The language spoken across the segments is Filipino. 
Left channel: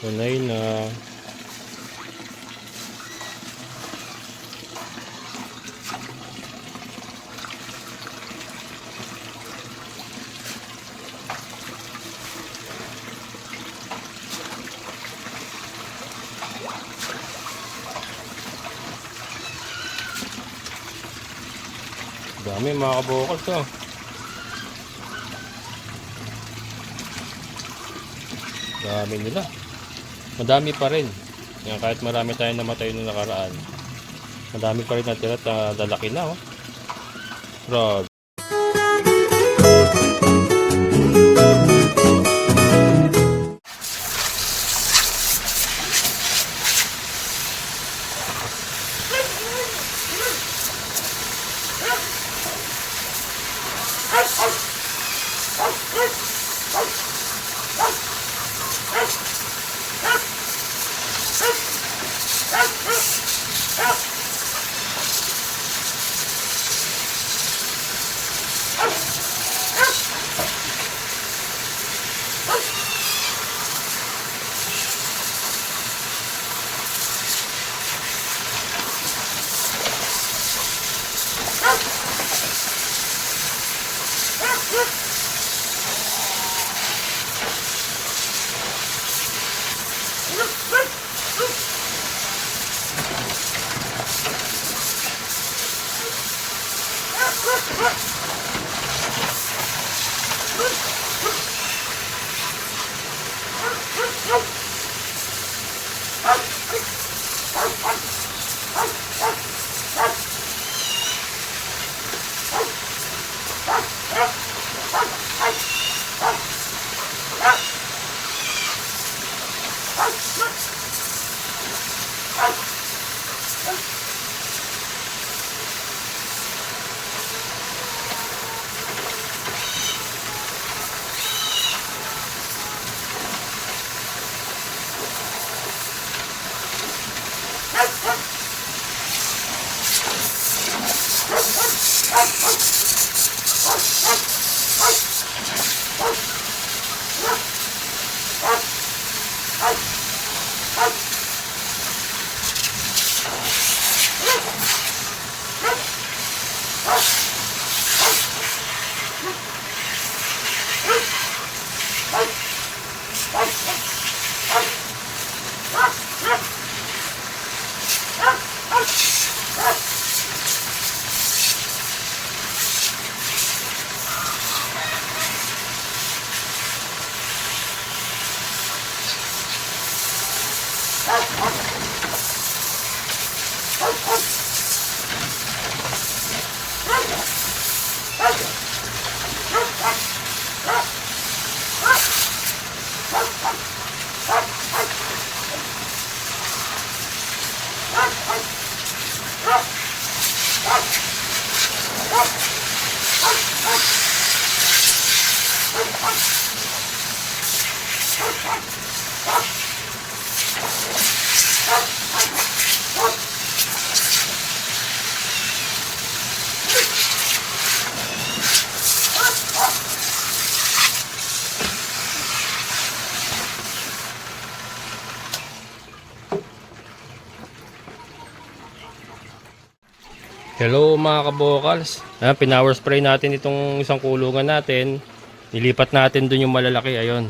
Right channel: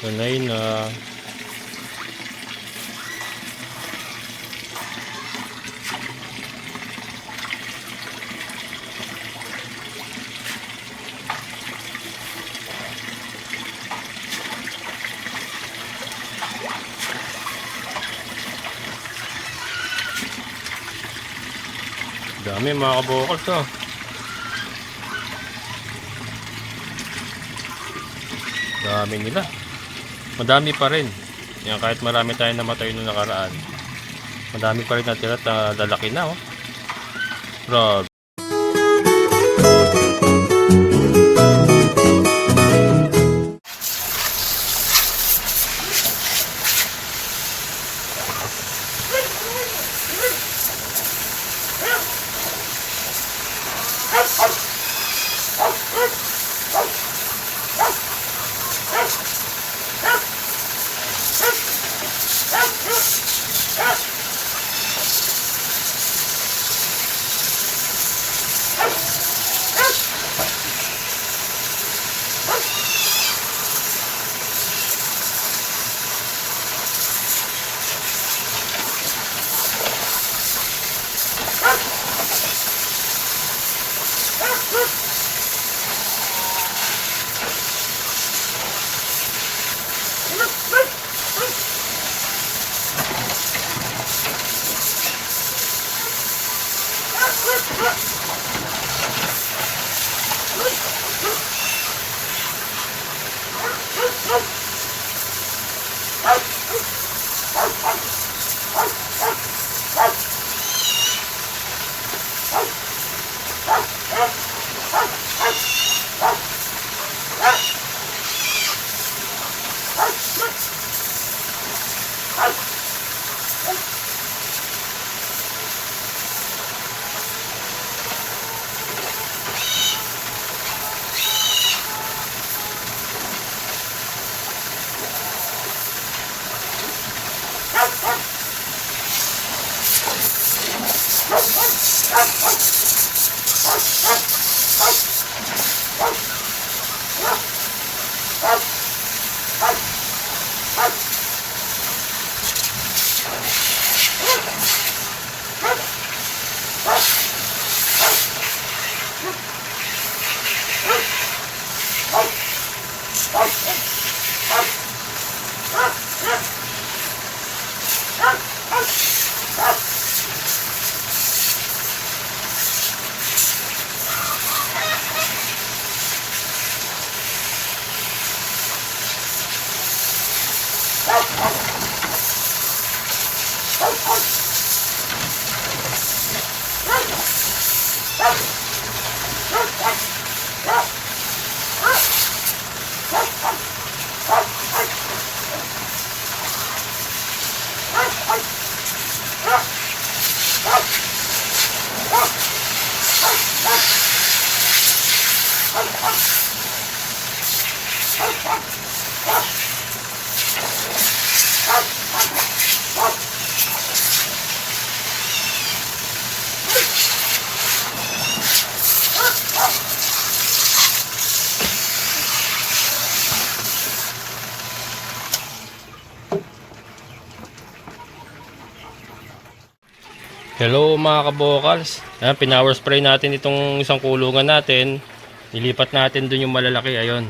Sanay na. Dami mga kabokals oh. Dami nila. Madami pa rin. Yan, kahit marami tayong namatay noong nakaraan, madami pa rin natira at lalaki na oh. Grabe. Hello mga kabokals. Pinower spray natin itong isang kulungan natin. Nilipat natin dun yung malalaki. Ayun.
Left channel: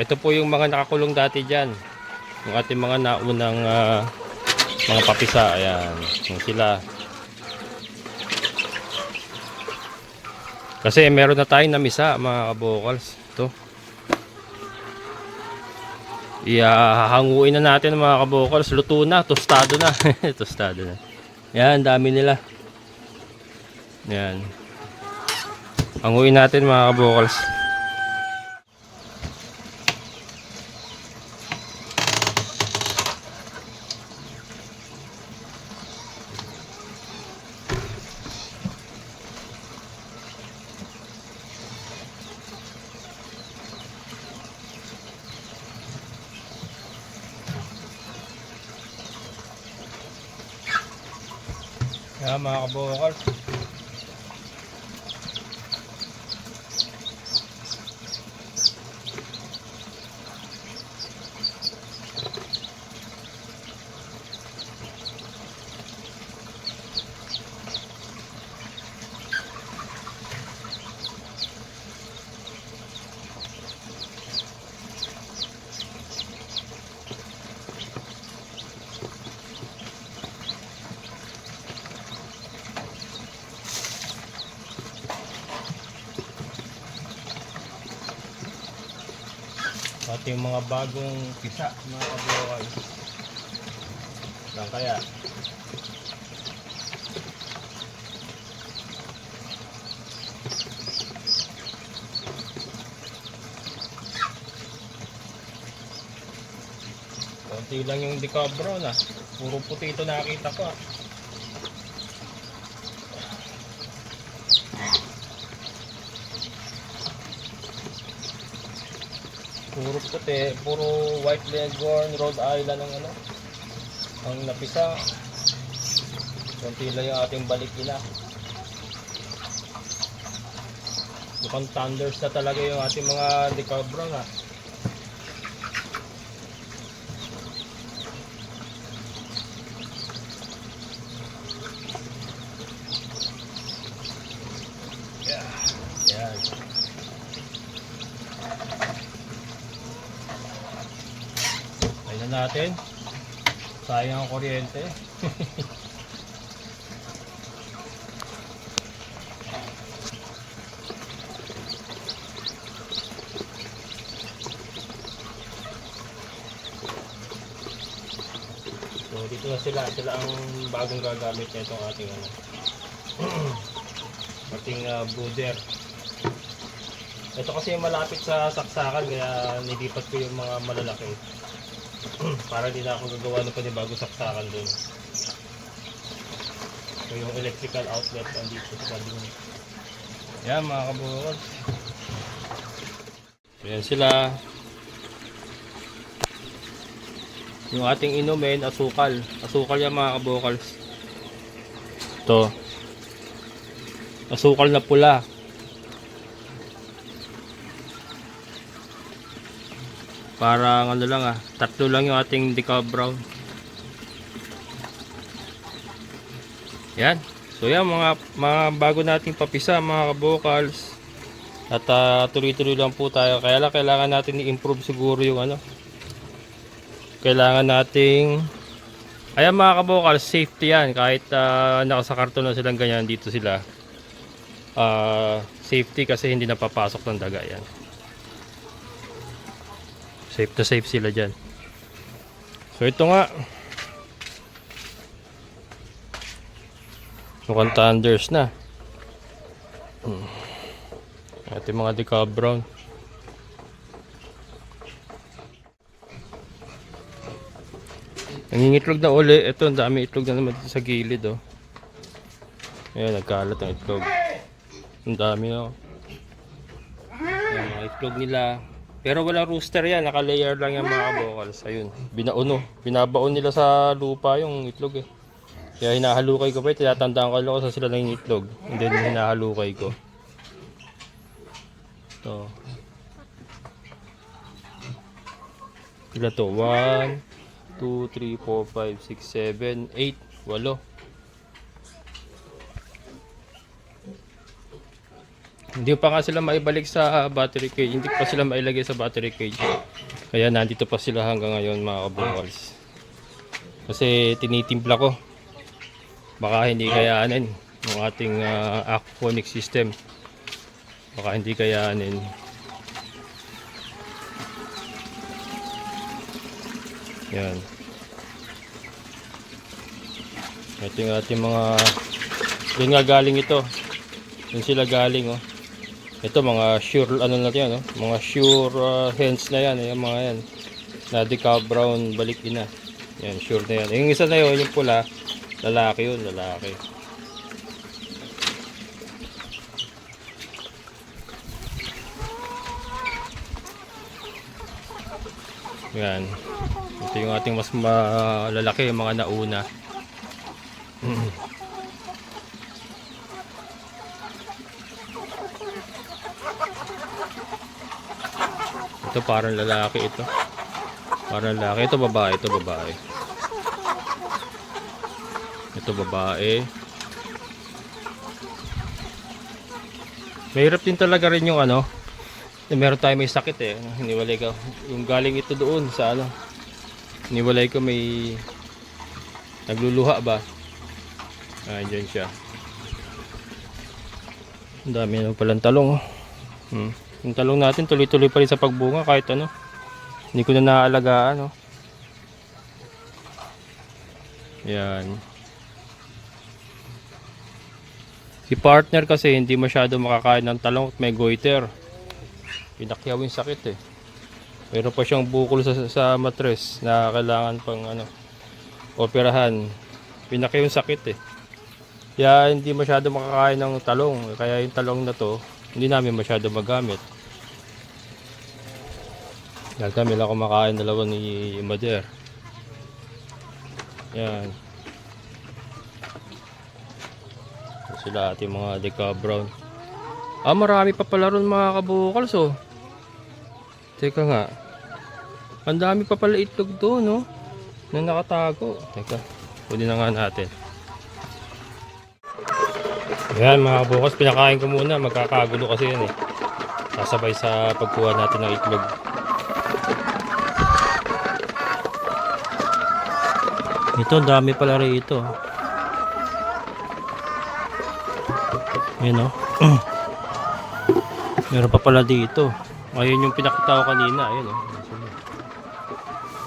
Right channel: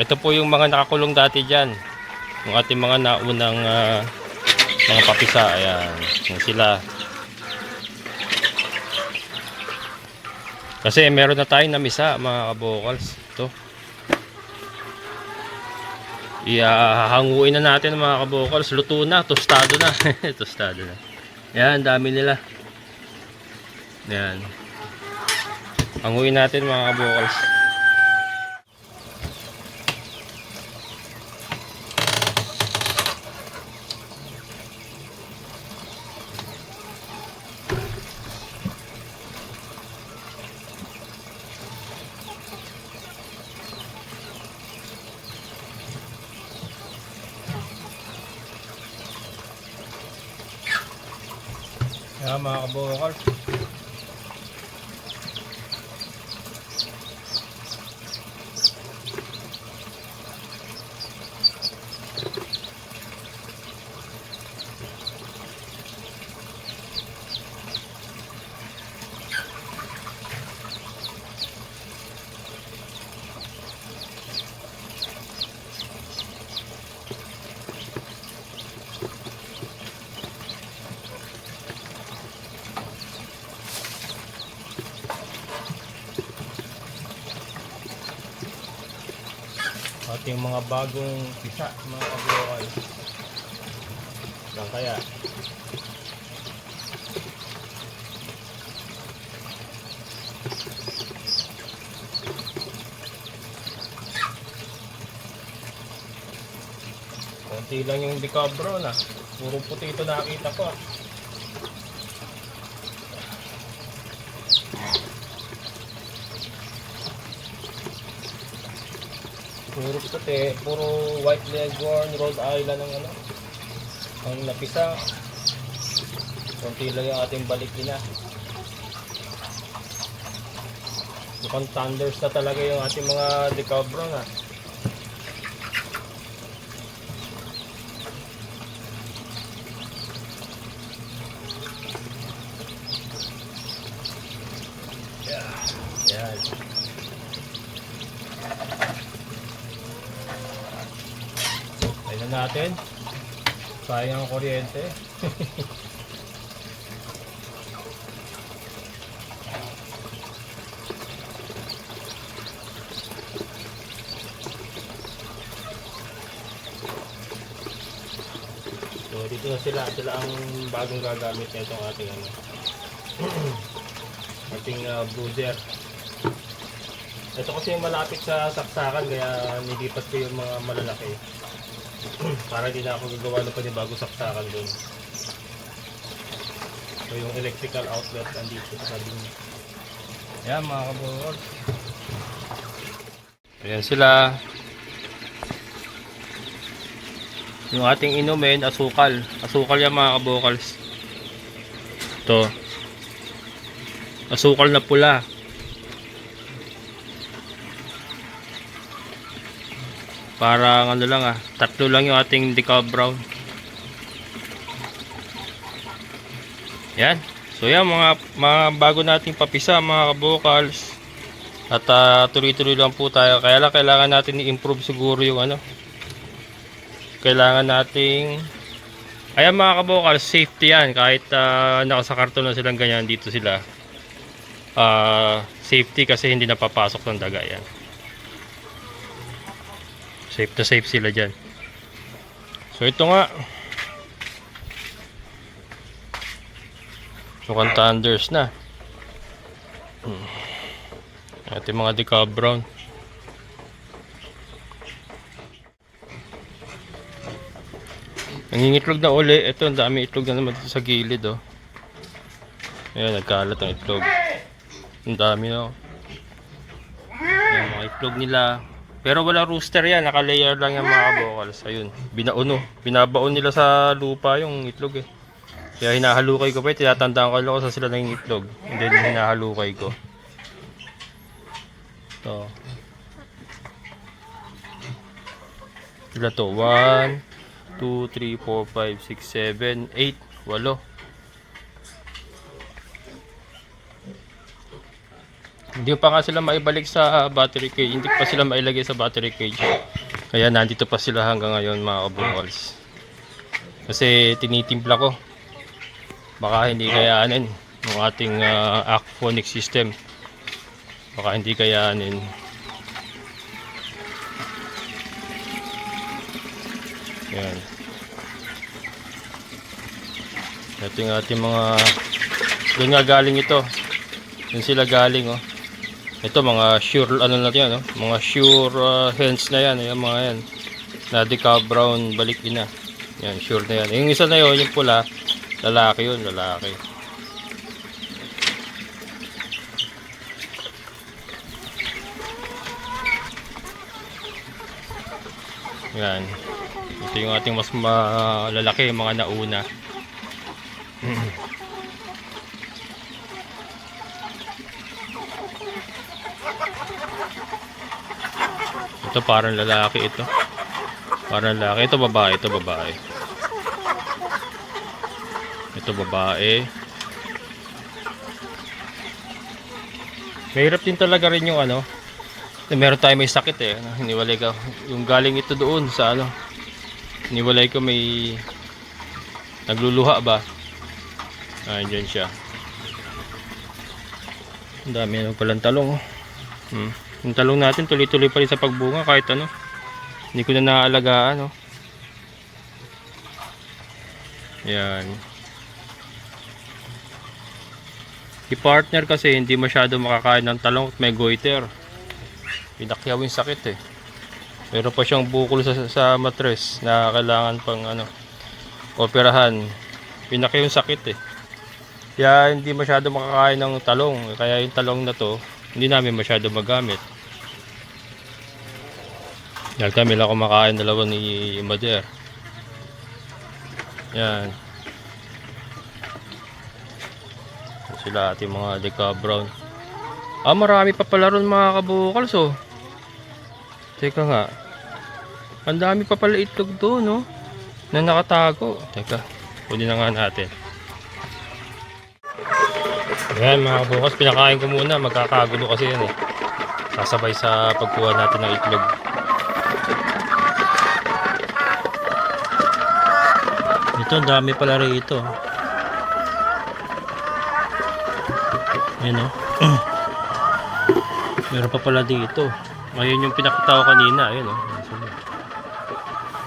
Ito po yung mga nakakulong dati dyan. Yung ating mga naunang mga papisa. Ayan. Yung sila. Kasi meron na tayong namisa mga kabokals. Ito. Ihahanguin na natin mga kabokals. Luto na. Tostado na. Tostado na. Yan, dami nila. Yan. Hanguin natin mga kabokals. Mga kabokals. Ating mga bagong pisa, mga kabukal. Lang kaya. Konti lang yung decabro na. Puro puti ito nakita ko. Puro puti, puro white leghorn, Rhode Island ang ano. Ang napisa. Konti lang yung ating balikin na. Mukhang thunders na talaga yung ating mga decabro na. Yan. Ayun na natin. Sayang ang kuryente. So dito na sila. Sila ang bagong gagamit na itong ating ano. Ating brooder. Ito kasi yung malapit sa saksakan kaya nilipat ko yung mga malalaki para hindi na ako gagawa ng panibagong saksakan dun. So yung electrical outlet andito sa tabi niya. Yan mga kabukal. Ayan sila. Yung ating inumin, asukal. Asukal yan mga kabukals. Ito. Asukal na pula. Parang ano lang tatlo lang yung ating decal brown. Yan. So yan mga bago nating papisa mga kabukals. At tuloy-tuloy lang po tayo. Kaya lang kailangan natin i-improve siguro yung ano. Kailangan nating ayan mga kabukals, safety yan. Kahit nakasakarton na silang ganyan, dito sila. Safety kasi hindi napapasok ng daga yan. Safe to safe sila dyan. So ito nga. Mukhang thunders na. Ating mga decal brown. Nangingitlog na uli. Ito ang dami itlog na naman dito sa gilid oh. Ayan, nagkalat ang itlog. Ang dami oh. Ayan, mga itlog nila. Pero wala rooster yan, naka-layer lang yung mga kabukals. Ayun, binabaon nila sa lupa yung itlog eh. Kaya hinahalukay ko pa, tinatandaan ko lang sa sila na yung itlog. And then hinahalukay ko. Ito. Sila to, 1, 2, 3, 4, 5, 6, 7, 8, 8. Hindi pa nga sila maibalik sa battery cage. Hindi pa sila mailagay sa battery cage. Kaya nandito pa sila hanggang ngayon mga kabukals. Kasi tinitimpla ko. Baka hindi kayaanin ng ating aquaponic system. Baka hindi kayaanin. Yan. Ating mga doon nga galing ito. Doon sila galing oh. Ito mga sure ano na yan, no? Mga sure hens na yan, yung mga yan. Na decal brown balik din na. Yan, sure na yan. Yung isa na yun, yung pula, lalaki yun, lalaki. Yan. Ito yung ating mas malalaki, yung mga nauna. Ito parang lalaki ito. Parang lalaki. Ito babae. Ito babae. Ito babae. Mahirap din talaga rin yung ano. Meron tayo may sakit eh. Hiniwalay ko. Yung galing ito doon sa ano. Hiniwalay ko may nagluluha ba. Dyan siya. Ang dami naman palang talong. Yung talong natin tuloy-tuloy pa rin sa pagbunga kahit ano. Hindi ko na naaalagaan, oh. Yan. Si partner kasi hindi masyado makakain ng talong at may goiter. Pinakyaw yung sakit eh. Meron pa siyang bukol sa matres na kailangan pang operahan. Pinakyaw yung sakit eh. Kaya hindi masyado makakain ng talong. Kaya yung talong na to, hindi namin masyado magamit. Dahil kami lang kumakain dalawa ni Mader. Yan. Sila ating mga Deca Brown. Marami pa pala ron mga kabukals, oh. Teka nga. Ang dami pa pala itlog doon, no? Na nakatago. Teka, kunin na nga natin. Yan mga kabukals, pinakain ko muna. Magkakagulo kasi yan, eh. Sasabay sa pagkuha natin ng itlog. Ito, ang dami pala rito. Ayan, oh. Meron pa pala dito. Ngayon yung pinakita ko kanina. Ayan, oh.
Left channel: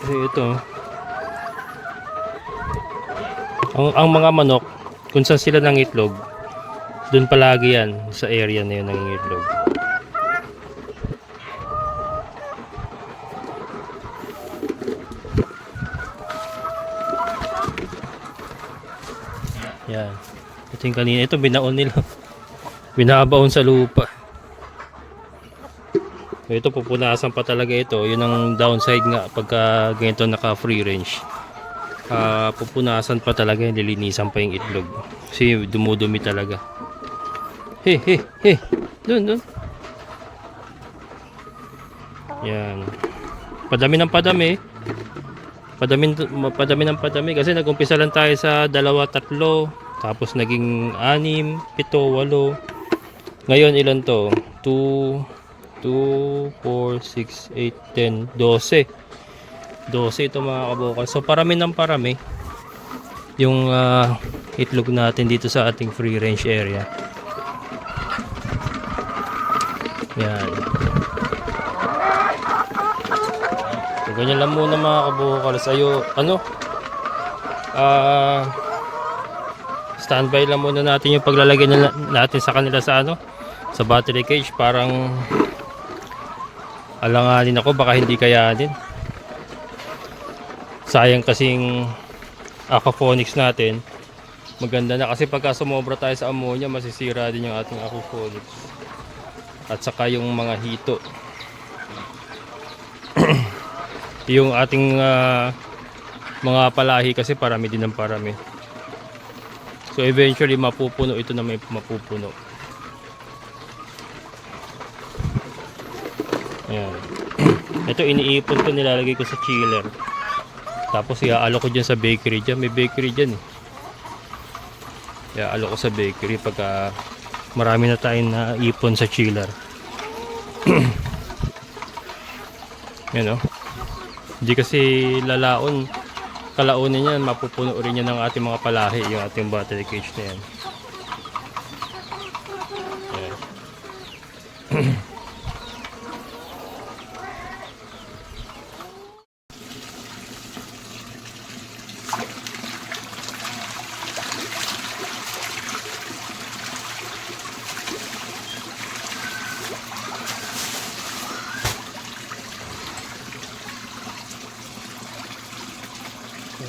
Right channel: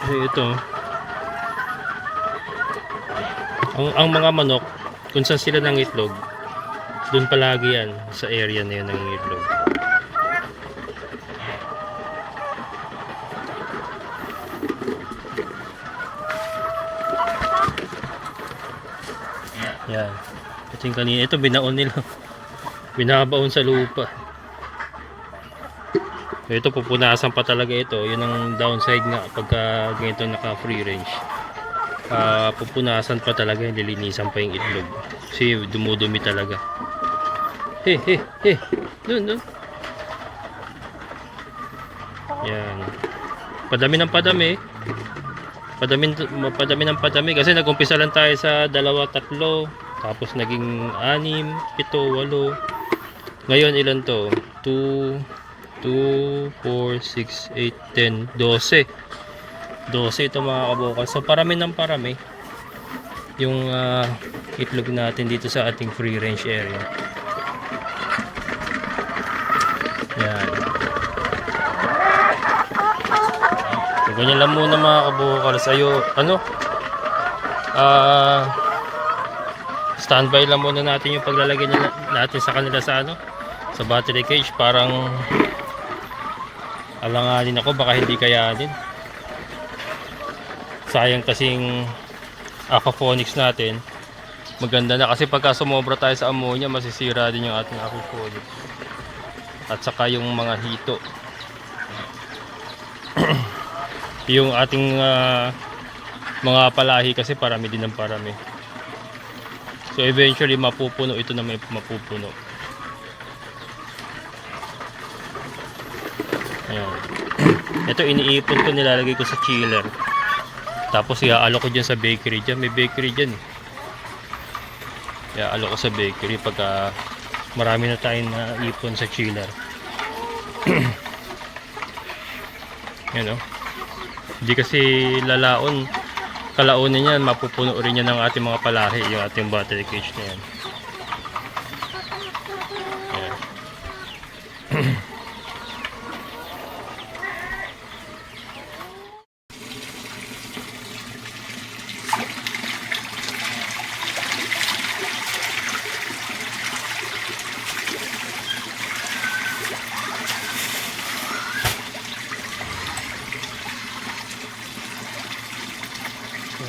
Kasi ito, ang mga manok, kung saan sila ng itlog, dun palagi yan, sa area na yun ng itlog. Yan. Ito yung kanina. Ito binaon nila. Binabaon sa lupa. Ito pupunasan pa talaga ito. Yun ang downside nga pagka ganito naka free range. Pupunasan pa talaga. Lilinisan pa yung itlog. Kasi dumudumi talaga. He. Dun. Yan. Padami ng padami. Padami ng padami kasi nag-umpisa lang tayo sa 2, 3, tapos naging 6, 7, 8. Ngayon ilan to? 2, 4, 6, 8, 10, 12. 12 ito mga kabukal. So parami ng parami yung itlog natin dito sa ating free range area. Yan. So, ganyan lang muna mga kabukals. Standby lang muna natin yung paglalagay natin sa kanila sa battery cage. Parang alanganin ako, baka hindi kayanin. Sayang kasing aquaponics natin. Maganda na kasi pagka sumobra tayo sa ammonia, masisira din yung ating aquaponics. At saka yung mga hito. Yung ating mga palahi kasi parami din ng parami. So eventually mapupuno ito na may mapupuno. Ayan. Ito iniipon ko, nilalagay ko sa chiller. Tapos iaalo ko dyan sa bakery dyan. May bakery dyan. Iaalo ko sa bakery pagka marami na tayong naipon sa chiller. Yan, oh. Hindi kasi kalaunan yan, mapupuno rin yan ng ating mga palahi, yung ating battery cage na yan.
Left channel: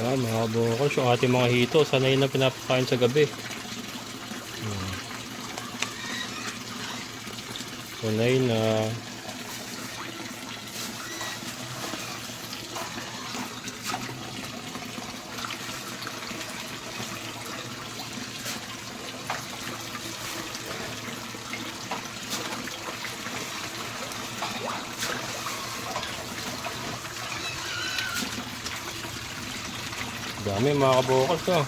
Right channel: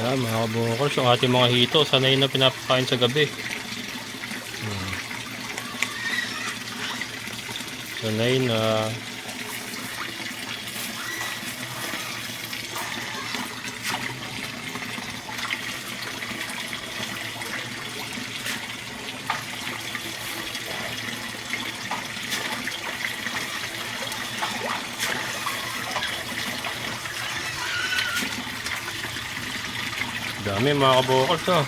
Ayan, mga kabukals, yung ating mga hito, sanay na pinapakain sa gabi. Sanay na. Dami mga kabukals, oh.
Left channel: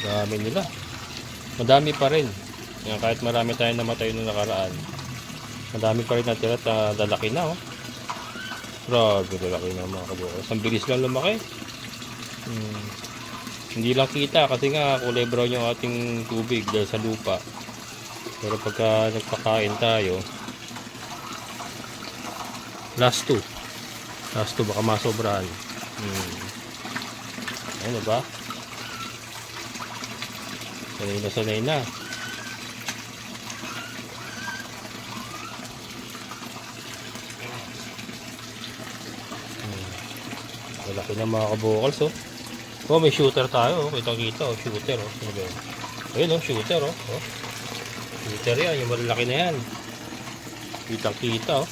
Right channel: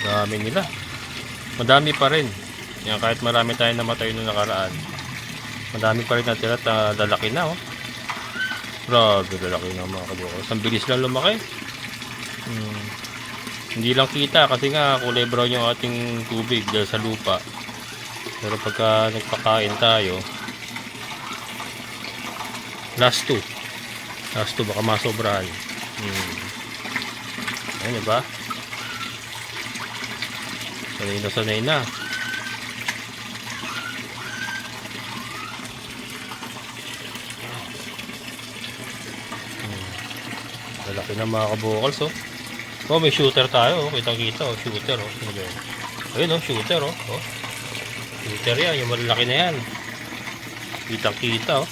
Dami nila. Madami pa rin. Yan, kahit marami tayong namatay noong nakaraan, madami pa rin natira at lalaki na, oh. Grabe, lalaki na mga kabukals. Ang bilis lang lumaki. Hindi lang kita kasi nga kulay brown yung ating tubig dahil sa lupa. Pero pagka nagpakain tayo, last 2 baka masobrahan. Ayun, diba? Sanay na. Malaki na mga kabukals, oh. Oh, may shooter tayo, oh. Kitang-kita, oh. Shooter, oh. Ano ba yun? Ayun, oh. Shooter, oh. Oh. Shooter yan. Yung malaki na yan. Kitang-kita, oh.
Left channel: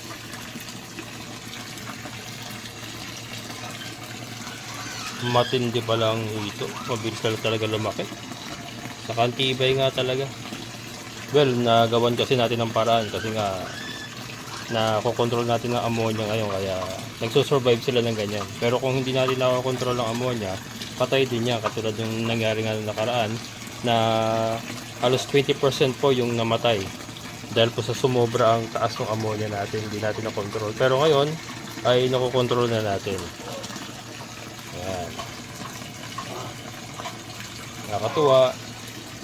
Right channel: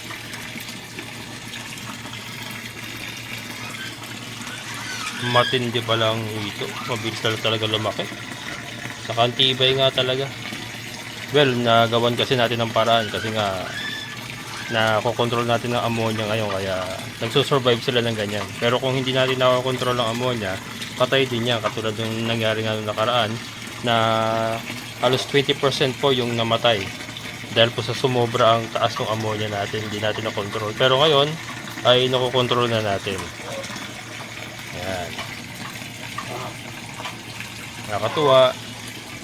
Matindi pa lang ito. Mabilis talaga lumaki. Saka antibay nga talaga. Well, nagawan kasi natin ng paraan kasi nga nakokontrol natin ng ammonia ngayon kaya nagsusurvive sila ng ganyan. Pero kung hindi natin nakokontrol ng ammonia, patay din yan katulad ng nangyari nga noong nakaraan na halos 20% po yung namatay dahil po sa sumobra ang taas ng ammonia natin, hindi natin nakontrol. Pero ngayon ay nakokontrol na natin. Ayan. Nakakatuwa.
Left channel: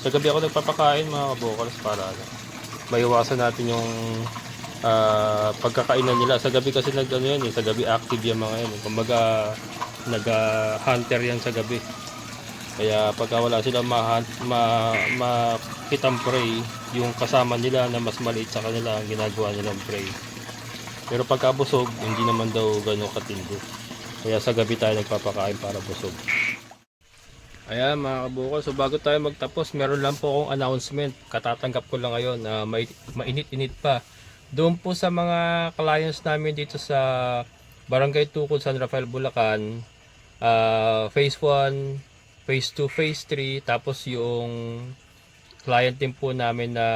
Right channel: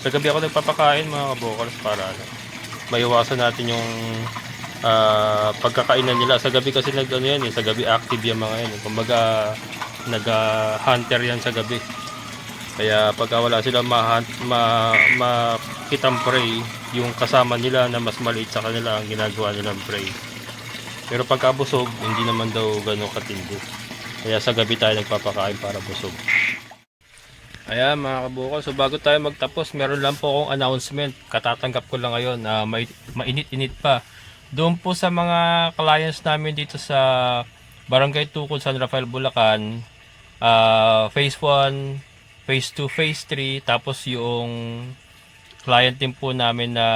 Sa gabi ako nagpapakain mga kabukals para maiwasan natin yung pagkakainan nila. Sa gabi kasi sa gabi active yung mga yan. Kumbaga nag-hunter yan sa gabi. Kaya pagka wala sila makitang prey, yung kasama nila na mas maliit sa kanila ang ginagawa nilang prey. Pero pagka busog, hindi naman daw gano'ng katindi. Kaya sa gabi tayo nagpapakain para busog. Ayan mga kabukal, so bago tayo magtapos, meron lang po akong announcement. Katatanggap ko lang ngayon na mainit-init pa. Doon po sa mga clients namin dito sa Barangay Tukod, San Rafael, Bulacan, Phase 1, Phase 2, Phase 3, tapos yung client din po namin na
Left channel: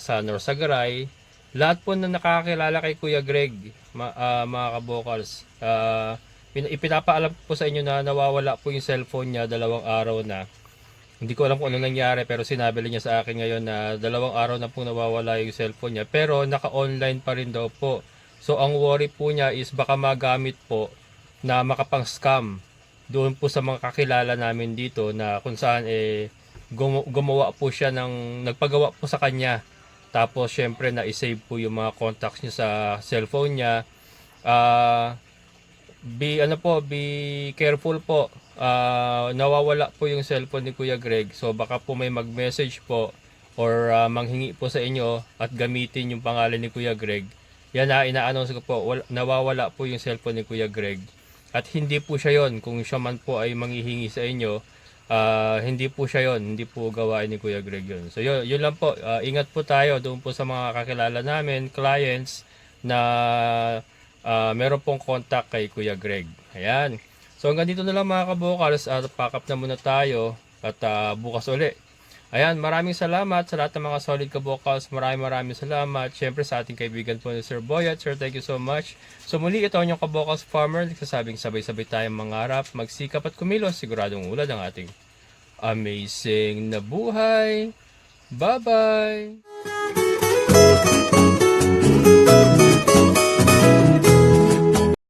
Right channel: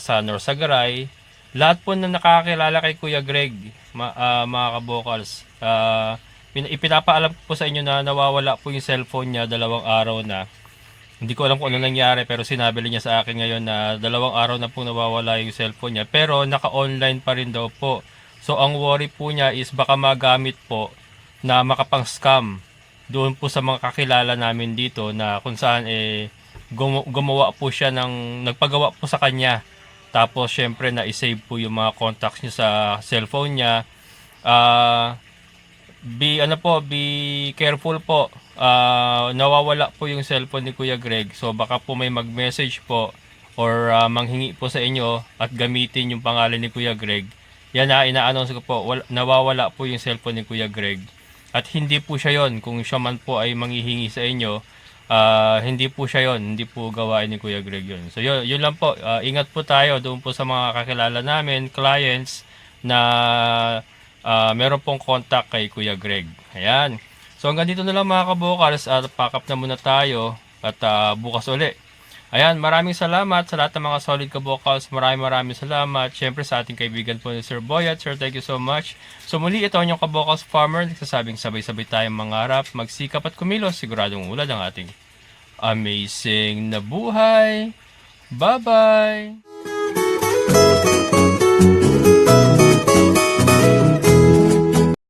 sa Norsagaray. Lahat po na nakakilala kay Kuya Greg, mga kabukals. Ipinapaalam ko po sa inyo na nawawala po yung cellphone niya 2 araw na. Hindi ko alam kung ano nangyari pero sinabi niya sa akin ngayon na 2 araw na po nawawala yung cellphone niya. Pero naka-online pa rin daw po. So ang worry po niya is baka magamit po na makapang-scam doon po sa mga kakilala namin dito na kung saan gumawa po siya nagpagawa po sa kanya. Tapos syempre na-save po yung mga contacts niya sa cellphone niya. Be careful po. Nawawala po yung cellphone ni Kuya Greg. So baka po may mag-message po or manghingi po sa inyo at gamitin yung pangalan ni Kuya Greg. Yan na ina-announce ko po, nawawala po yung cellphone ni Kuya Greg. At hindi po siya yon. Kung siya man po ay manghihingi sa inyo, hindi po siya yon. Hindi po gawain ni Kuya Greg yon. So yun lang po. Ingat po tayo doon po sa mga kakilala namin, clients na meron pong contact kay Kuya Greg. Ayan. So hanggang dito na lang mga kabukals at pack up na muna tayo at bukas uli. Ayan, maraming salamat sa lahat ng mga solid kabukals. Maraming salamat. Siyempre sa ating kaibigan po ni Sir Boyat. Sir, thank you so much. So muli ito ang inyong kabukals farmer. Nagsasabing sabay-sabay tayong mangarap, magsikap at kumilos. Siguradong ulad ang ating amazing na buhay. Bye-bye!